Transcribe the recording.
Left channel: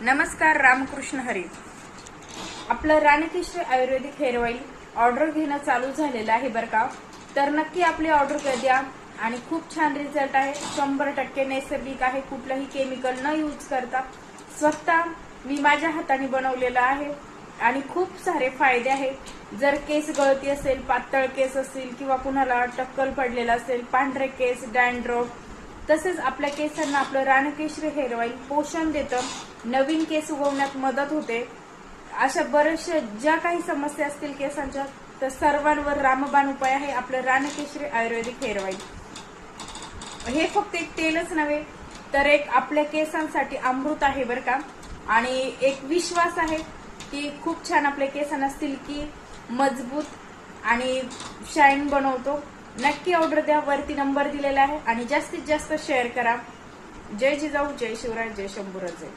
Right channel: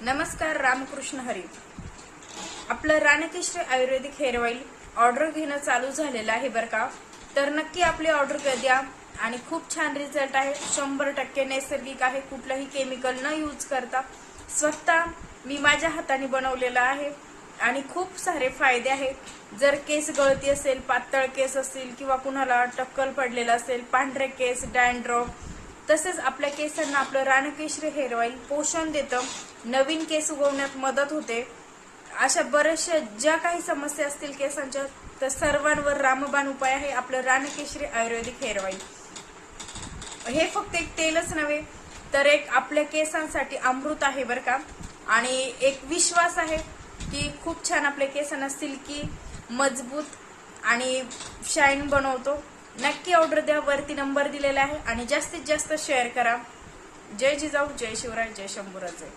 नमस्कार, रामकृष्ण हरी. आपलं रानकेश्री आयुर्वेदिक hair oil order घेणं चालू झालेलं आहे बरं का. तर नक्की आपली ऑर्डर द्या आणि खूप छान रिझल्ट आहे. 100% नैसर्गिक आहे, कुठलंही केमिकल न यूज करता स्वतः मी माझ्या हाताने बनवलेलं आहे आणि खूप सारे फायदे आहेत. जर केस गळती असेल, पातळ केस असतील किंवा कुणाला टक्कल पडलेला असेल, पांढरे केस, डॅन्ड्रफ, तसेच आपल्या केसांना आपलं रानकेश्री हेअर ऑइल पोषण देतं, नवीन केस उगवण्यात मदत होते. अशा बरेचशा ज्या काही समस्या असतील केसांच्या, तर सर्वांवर रामबाण उपाय आहे आपलं रानकेश्री आयुर्वेदिक हेअर ऑइल. हे फक्त एक तेलच नव्हे तर एक आपल्या केसांसाठी अमृत आहे बरं का. आणि एक विश्वास आहे की खूप छान आपल्या केसांना सिल्की, मजबूत आणि शाईन बनवतो. नक्की ऑर्डर द्या, वरती नंबर दिलेला आहे आणि जास्तीत जास्त शेअर करा. जय जिजाऊ, जय शिवराय, जय शंभूराजे.